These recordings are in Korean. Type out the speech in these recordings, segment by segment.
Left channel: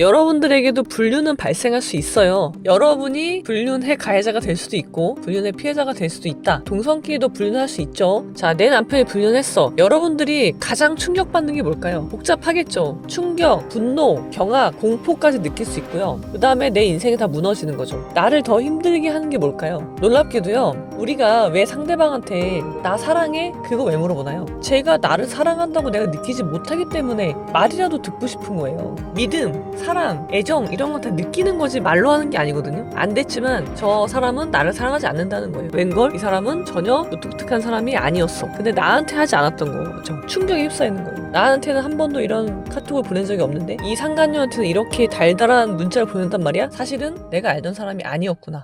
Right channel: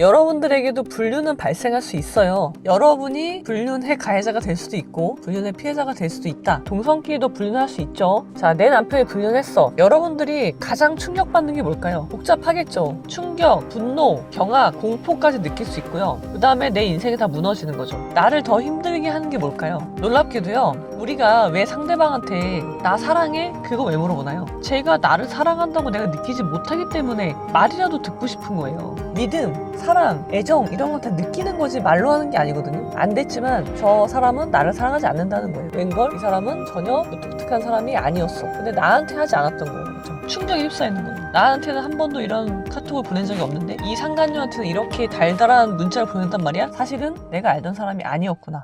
여러분들에게도 불륜은 발생할 수 있어요. 여러분이 불륜의 가해자가 될 수도 있고 불륜의 피해자가 될 수도 있다. 동성끼리도 불륜할 수 있죠. 자, 내 남편이 불륜했어. 여러분들이 가장 충격받는 게 뭘까요? 복잡하겠죠. 충격, 분노, 경악, 공포까지 느낄 수 있고요. 그 다음에 내 인생이 다 무너지는 거죠. 나를 더 힘들게 하는 게 뭘까요? 놀랍게도요, 우리가 왜 상대방한테 나 사랑해? 그거 왜 물어보나요? 제가 나를 사랑한다고 내가 느끼지 못하기 때문에 말이라도 듣고 싶은 거예요. 믿음, 사랑, 애정 이런 건 다 느끼는 거지 말로 하는 게 아니거든요. 안 됐지만 저 사람은 나를 사랑하지 않는다는 거예요. 웬걸? 이 사람은 전혀 무뚝뚝한 사람이 아니었어. 근데 나한테 하지 않았던 거죠. 충격에 휩싸이는 거예요. 나한테는 한 번도 이런 카톡을 보낸 적이 없는데 이 상간녀한테는 이렇게 달달한 문자를 보낸단 말이야? 사실은 내가 알던 사람이 아니었구나.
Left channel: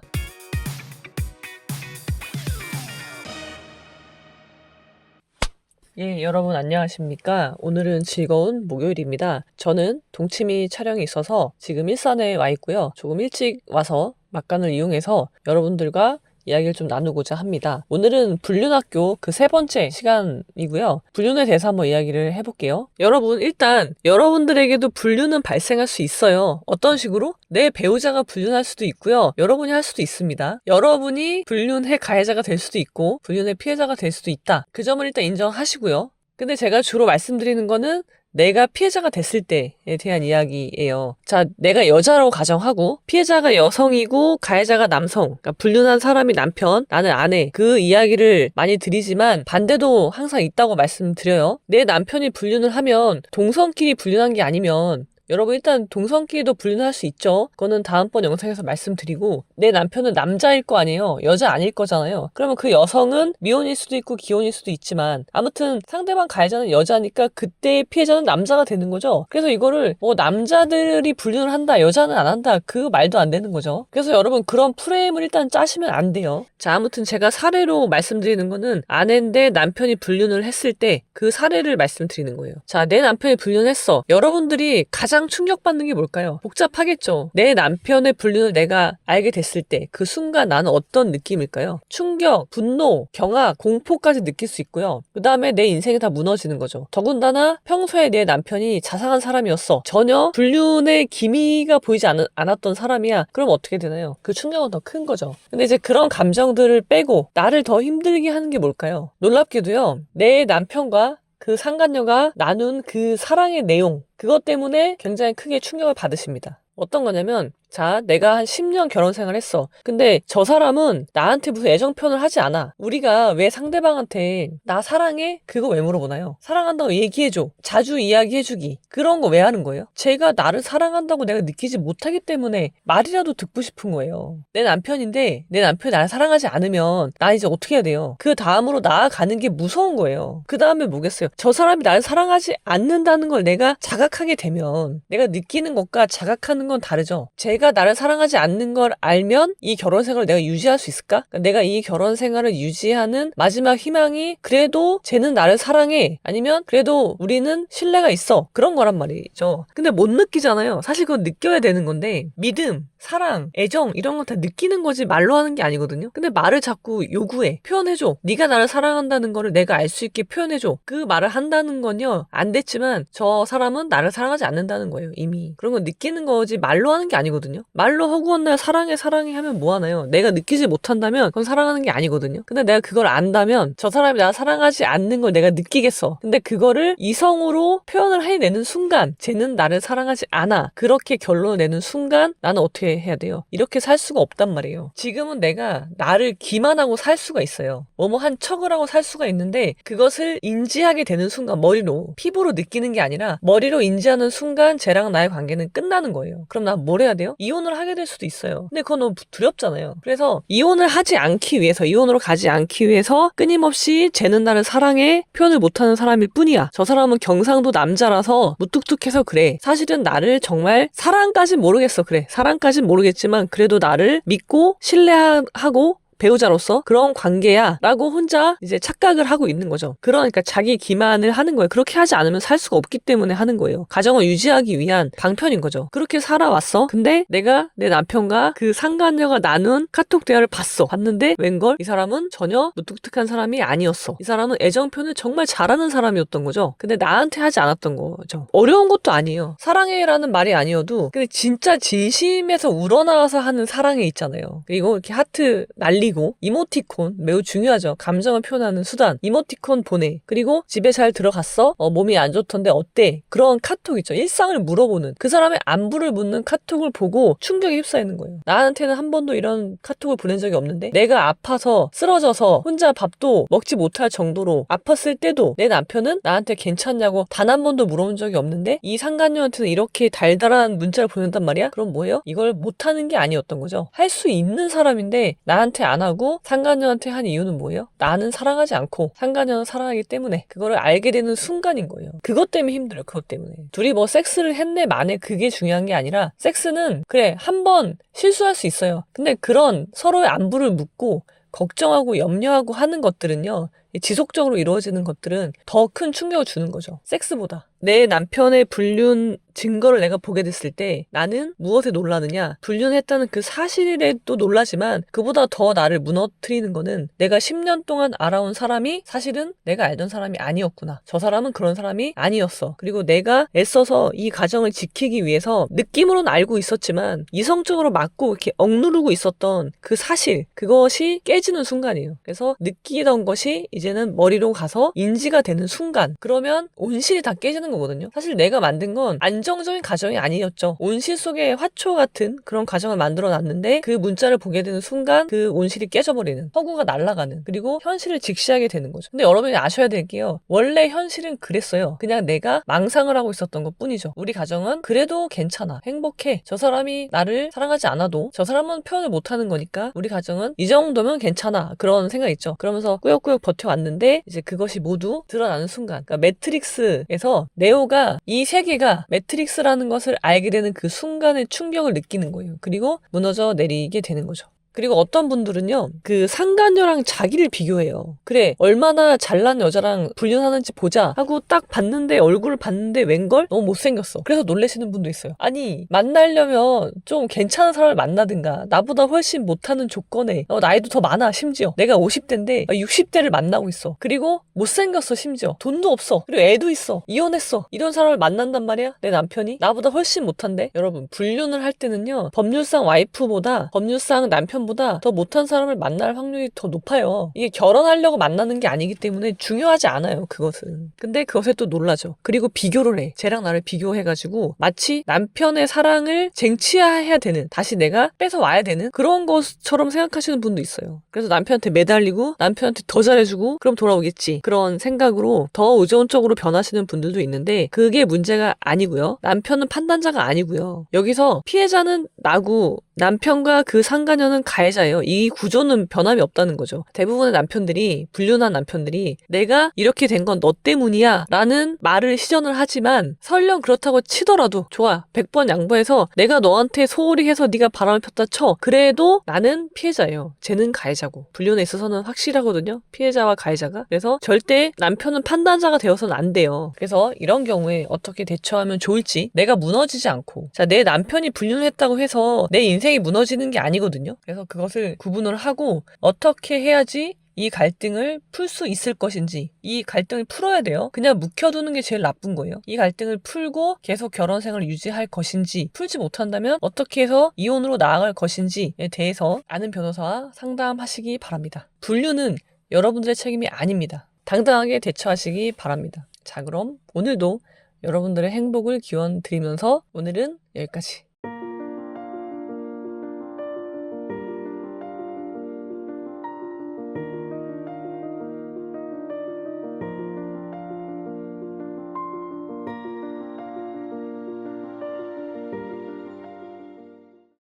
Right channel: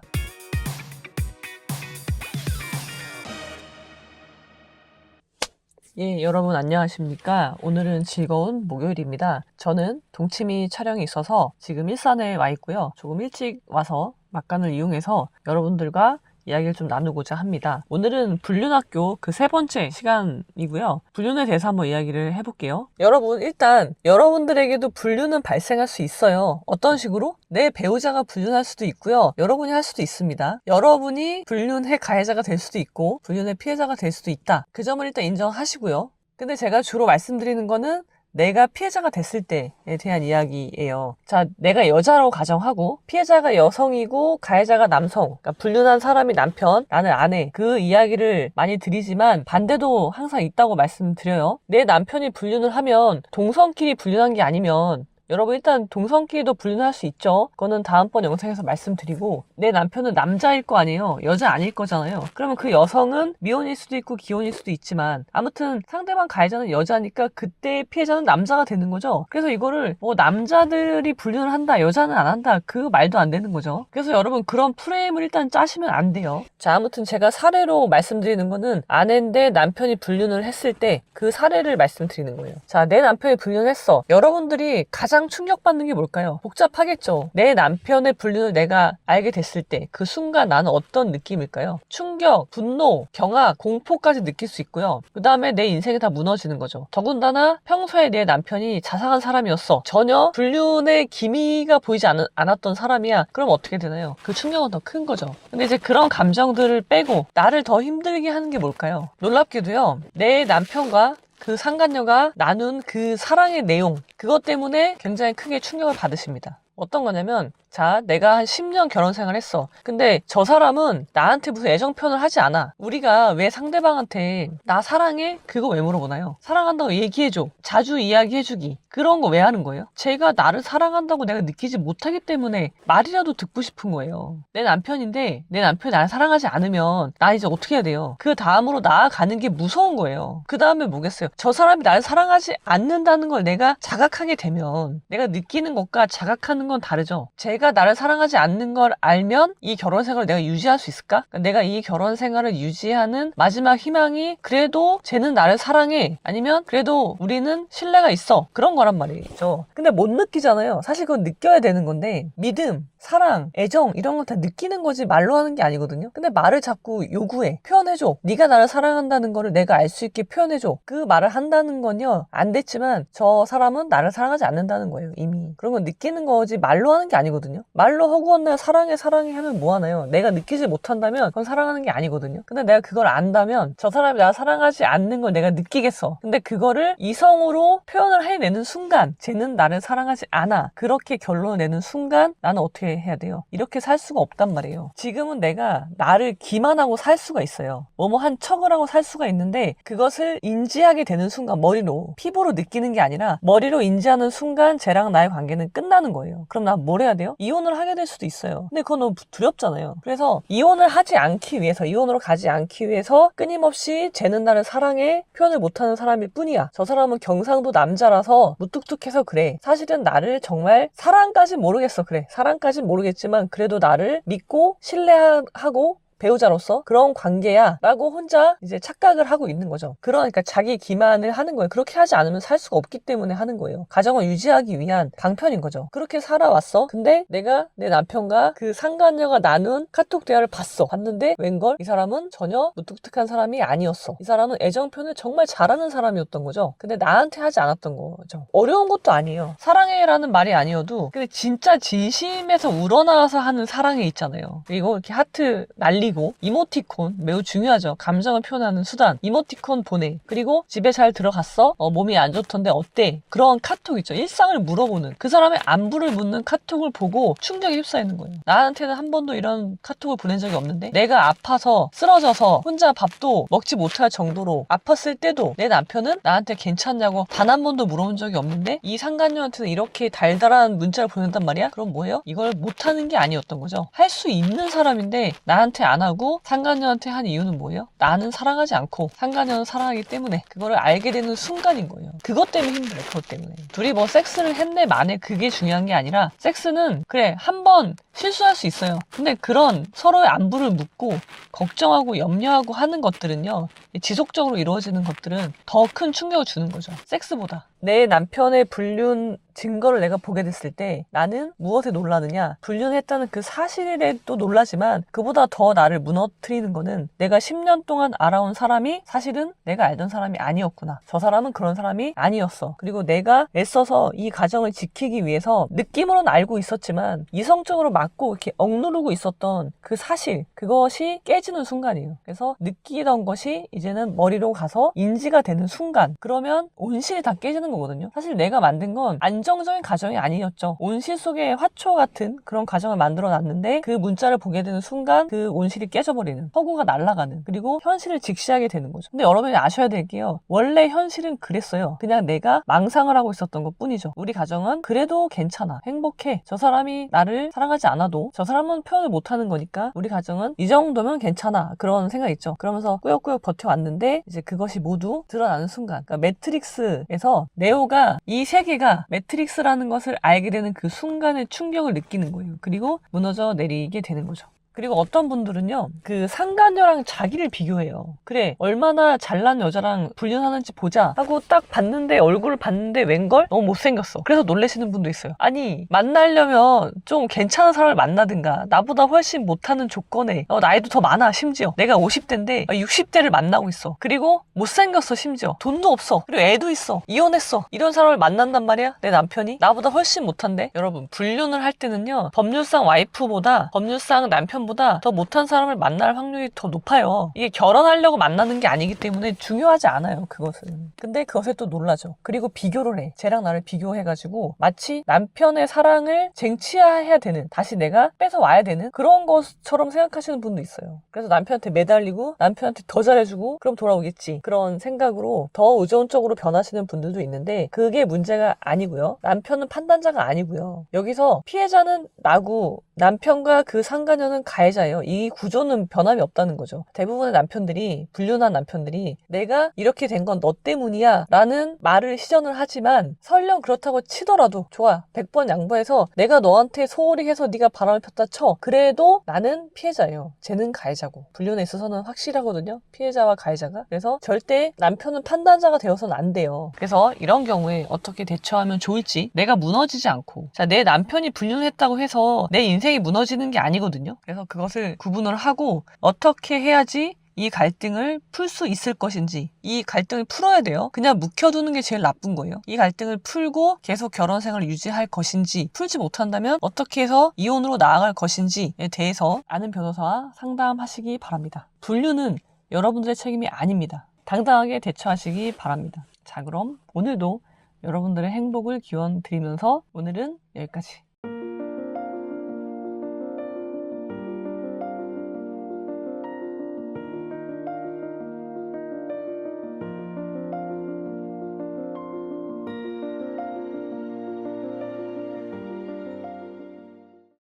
예, 여러분 안녕하십니까? 오늘은 즐거운 목요일입니다. 저는 동치미 촬영이 있어서 지금 일산에 와 있고요. 조금 일찍 와서 막간을 이용해서 여러분들과 이야기를 좀 나누고자 합니다. 오늘은 불륜학교 그 3번째 시간이고요. 불륜에 대해서 한번 이야기를 해볼게요. 여러분, 일단 여러분들에게도 불륜은 발생할 수 있어요. 어떤 식으로? 내 배우자가 불륜할 수도 있고요. 여러분이 할 수도 있습니다. 여러분이 불륜의 가해자가 될 수도 있고 불륜의 피해자가 될 수도 있다. 그 점을 일단 인정하시고요. 근데 제가 주로 말씀드리는 거는 내가 피해자가 됐을 때에 대한 이야기예요. 자, 내가 여자라고 가정하고 피해자가 여성이고 가해자가 남성, 그러니까 불륜한 사람이 남편, 나는 아내, 그 이야기를 많이 드리지만 반대도 항상 있다고 말씀드려요. 내 남편이 불륜을 하면 동성끼리 불륜한 게 아니면 여러분 일단 동성끼리도 불륜할 수 있죠. 그거는 다음번 영상에서 말씀드리고 내 남편은 남자일 거 아니에요. 여자 아닐 거잖아요. 그러면 그 여성은 미혼일 수도 있고 기혼일 수도 있지만 아무튼 상대방 가해자는 여자니까 그때의 피해자는 남자가 되는 거죠. 그래서 이거를 뭐 남자들이 불륜을 한다 여자는 안 한다 그 말도 안 되는 거죠. 그래서 여러분 그런 프레임을 일단 짜시면 안 돼요. 자, 아무튼 제가 사례로 말씀드리는 거는 아내인데 남편이 불륜을 했을 때 그 사례를 말씀드리는 거예요. 자, 내 남편이 불륜했어. 여러분들이 가장 충격받는 게 뭘까요? 복잡하겠죠. 내 남편의 불륜을 내가 알게 됐을 때 그 순간 나는 어떤 느낌일까요? 충격, 분노, 경악, 공포까지 느낄 수 있고요. 그 다음에 내 인생이 다 무너지는 거죠. 더군다나 평소에 내 남편이 자상한 사람이었어. 전혀 불륜의 기미가 보이지 않았던 사람이야. 그럼 어떻게 되나요? 그 충격은 더 큰 거죠. 근데 이제 그런 감정들을 빼고 나를 더 힘들게 하는 게 뭘까요? 놀랍게도요, 내 남편과 그 상간녀가 나눈 그 사랑의 내용, 그것 때문에 굉장히 크게 충격을 받으십니다. 어떤 거냐면, 자, 내가 한 10년 결혼 생활 했어. 근데 저 사람은 나한테 무슨 애정 표현을 하지 않아. 우리가 왜 상대방한테 나 사랑해? 그거 왜 물어보나요? 사랑한다고 얘기해줘. 자주 이야기해주기. 그런 거 왜 하는 거예요? 제가 나를 사랑한다고 내가 느끼지 못하기 때문에 말이라도 듣고 싶은 거예요. 내 남편인데 내 남편이 나를 사랑하지 않으면 나 이제 어떻게 해야 돼요? 그 다음으로 나아가는 게 무서운 거예요. 그 다음에 뭐겠어요? 저 사람이 나를 사랑하지 않는다는 걸 내가 자각하게 되면 내가 느끼는 것과 자각하는 건 다르죠. 제가 나를 사랑하지 않는 걸 알면 이 결혼 생활을 내가 유지할 수 있을까? 그러니까 내가 이 결혼 생활을 유지하는 마지막 희망이 그래도 쟤는 나를 사랑해. 아니면 그래도 우리는 신뢰가 있어. 그런 거란 말이죠. 근데 못 느끼잖아요. 사실 그건 느껴야 되는 건데 믿음, 사랑, 애정 이런 건 다 느끼는 거지 말로 하는 게 아니거든요. 근데 말을 자꾸 요구해. 표현해줘. 네가 나를 사랑한다는 거를 내가 알 수 있게 표현해줘. 그 말을 한다는 건요. 안 됐지만 저 사람은 나를 사랑하지 않는다는 거예요. 이미. 그런 건 느끼는 거지 말로 하는 게 아니거든요. 말로 허구한 날 사랑해 사랑해 하면 뭐 하나요? 내가 느끼지 못한다면 그건 사랑하는 게 아니거든요. 근데 내가 그걸 안다면 저 사람이 나를 사랑하지 않는 걸 내가 느끼겠어. 근데 그거를 이성으로 표현을 해내는 순간 쟤는 나를 사랑하지 않아. 그렇게 결론을 내는 순간 나는 어떻게 해야 돼요? 이렇게 살 수가 없단 말이에요. 지금은 내가 나를 기만하고 살 수가 있어요. 뭐뭐 한 척을 하고 살 수가 있는데 그것을 인지하게 되는 순간 머리로 피부로 느끼는 게 아니라 머리로 인지하는 순간 쟤랑 나의 관계는 끝나는 거예요. 그럼 난 뭘 해야 돼요? 이혼을 하게 될 수도 있어요. 근데 그건 너무 두렵잖아요. 그래서 이혼을 하지 않기 위해서 이혼으로 가지 않기 위해서 끊임없이 쟤는 나를 사랑해 표현을 못하는 사람일 뿐이야. 저 사람은 경상도 남자라서 무뚝뚝해서 그래. 사실은 나를 정말 사랑까진 모르겠어. 그래. 사랑까진 모르겠지만 그래도 나를 믿고 신뢰하고 배우자로서 그런 관계야 라고 혼자 이제 착각을 하고 있는 거죠. 그러니까 자기 기만을 하는 거예요. 그렇게 하지 않으면 살 수가 없기 때문에 하는 거예요. 가정을 유지하기 위한 방편인 거죠. 그렇게 살아왔어. 근데 내가 내 남편과 그 상간녀가 나눈 카톡 대화를 봤는데 웬걸 이 사람은 전혀 무뚝뚝한 사람이 아니었어. 이 사람은 애정 표현을 정말 잘하는 사람이었던 거죠. 근데 나한테 하지 않았던 거죠. 어려운 것도 아니에요. 사랑해라는 말이 아니어도 근데 진짜 진심에서 우러나와서 하는 사랑해 있잖아요. 그리고 이렇게 하트 날리고 이모티콘 매우 중요하죠. 감정을 표현하는 수단. 이모티콘 보내. 그리고 집에 잘 들어갔어? 몸이 안 좋던데 어때? 그런 카톡 있죠. 일상을 물어보는 그 사람의 안부를 묻는 카톡을 보고 충격에 휩싸이는 거예요. 나한테는 한 번도 이런 카톡을 보낸 적이 없는데 내가 아파서 쓰러져서 혼자 밥도 먹지 못할 정도로 아팠을 때도 내 남편은 나한테 괜찮냐고 단 한 번도 물어본 적이 없는데 이 상간녀한테는 이렇게 달달한 문자를 보낸단 말이야? 그럼 뭐예요? 이걸 못하는 게 아니었던 거죠. 할 수 있는 사람인데 나한테 안 하고 상간녀한테 한 이유는 뭐예요? 나는 사랑하지 않고 상간녀는 사랑하기 때문에 그거를 알게 되는 순간인 거예요. 그것 때문에 힘들어요. 그것 때문에. 둘이 뭐 섹스를 했네 마네 그게 중요한 게 아니라 섹스는 그래 한 번 실수할 수 있어요. 근데 그런 서로의 안부를 묻고 걱정하고 염려하고 하는 것들은요. 지속적으로 이루어지는 것들은 더 큰 충격을 주는 거죠. 섹스보다. 내 남편의 불륜 증거를 내가 보게 됐을 때 나는 무엇에 놀라느냐? 불륜했다는 그 사실에도 놀라지만 그보다 더 나를 무너뜨리는 거는 내가 10년 동안 알아온 사람이 사실은 내가 알던 사람이 아니었구나. 저 사람은 그런 사람이 아니었어. 그리고 내가 애써서 이 가정을 지키기 위해서 느낌으로는 알고 있었지만 이성적으로 막고 이렇게 억누르고 있었던 그 사실 그것이 깨지는 순간이에요. 그래서 느끼던 것이 이제는 머리로 가서 인지가 되는 순간 그러면 온실이 다 깨지는 거거든요. 사실 내가 만든 건 안정적인 가정이 아니었죠. 온실 속에 화초 같은 그런 가정을 만들어 놨는데 그 문자를 보게 되는 순간 그 온실이 깨져버리는 허구가 날아가는 그리고 현실을 직시하게 되는 거죠. 근데 여러분이 아셔야 될 게요. 원래 현실은 그랬어요. 그냥 내가 망상을 하고 있었던 것 뿐이죠. 우리 가정은 그래도 괜찮아. 행복해. 저 사람이 나를 사랑하지 않아도 저 사람은 표현을 못하는 거니까 우리 가정은 이 정도면 괜찮아. 그런 생각 있죠. 그러면서 꾸역꾸역 버텨왔는데 이제 그것이 모두 드러나는 순간 그러니까 매트릭스에서 네오가 이 세계가 매트릭스라는 것을 알게 되는 그 순간의 충격을 느끼는 거예요. 그리고 무너져 내리게 되는 거죠. 그리고 어떤 분들은요, 그 상간녀랑 자기를 비교해요. 그래, 얼마나 잘난 여자랑 불륜하는지 보자 하고 딱 봤는데, 얼굴을 봤는데 웬걸? 너무 못생겼어. 그래서 놀라시는 분도 있어요. 아니, 만나려면 좀 괜찮은 사람을 만나든가, 나보다 훨씬 못하는 조건에, 나이도 더 많아, 심지어. 내가 50대인데, 60대를 만나고 있어. 그리고 못생겼어, 심지어. 돈도 없어. 그리고 애도 있어. 이혼했어. 이런 사람을 만난단 말이야? 내 남편이? 나보다 훨씬 못한데? 여러분, 불륜을 할 때는요, 법률상 와이프보다, 법률상 남편보다 더 못한 사람을 만날 확률이 더 높아요. 이게 결혼하려고 만나는 게 아니기 때문에 중요하지 않아요. 그것은. 근데 그것에 또 놀라죠. 그리고 비교를 해. 쟤랑 나를 비교해가지고 마치 남편의 사랑을 쟁취해야 되는 다시 내가 뺏어와야 되는 그런 것처럼 생각하시는 분도 있어요. 그래서 남편한테 매달리고 남편한테 더 잘해주고 그럼 돌아오겠지. 그런 생각으로 더 의존적으로 변하시는 분들도 있는데 그게 문제가 아니고요. 남편은 판단자가 아니고요. 여기서 피해자는 나고 남편과 그 상간녀는 가해자예요. 이 구조는 변함이 없다는 거죠. 대부분의 남편들이 불륜한 남편들이 내가 이렇게 된 건 너 때문이야 라는 말을 시전을 하지만 설령 그렇다고 치더라도 좋아 100번 양보해서 내가 너한테 소홀히 해서 네가 바람을 폈다 쳐 그래도 나는 피해자예요. 쟤는 가해자고 불륜에 있어서는 확실하거든요. 피해자와 가해자가. 그래서 절대 남편은 판단자가 되어서는 안 돼요. 그래서 이런 경우에 어떻게 대처하면 좋을지 내가 무너지지 않고 자, 내 남편이 불륜했다고 해서 내 인생이 무너지는 게 아니거든요. 그래서 그것을 구분을 하고 어떻게 해야지 이 갈등을 풀 수 있을 것인지 이 갈등을 풀어야 돼요. 그냥 묵혀두는 게 제일 나쁜 거예요. 이 갈등을 풀고 계속 결혼 생활을 유지할 것인지 풀지 못한다면 어떻게 해서 이혼으로 나아갈 것인지에 대해서 아는 변호사와 상담하시기 바랍니다. 불륜은 여러분들의 책임이 아닙니다. 당당하게 대처하시기 바랍니다. 자, 그럼 오늘도 여러분들의 행복을 기원 드리면서 오늘은 여기까지.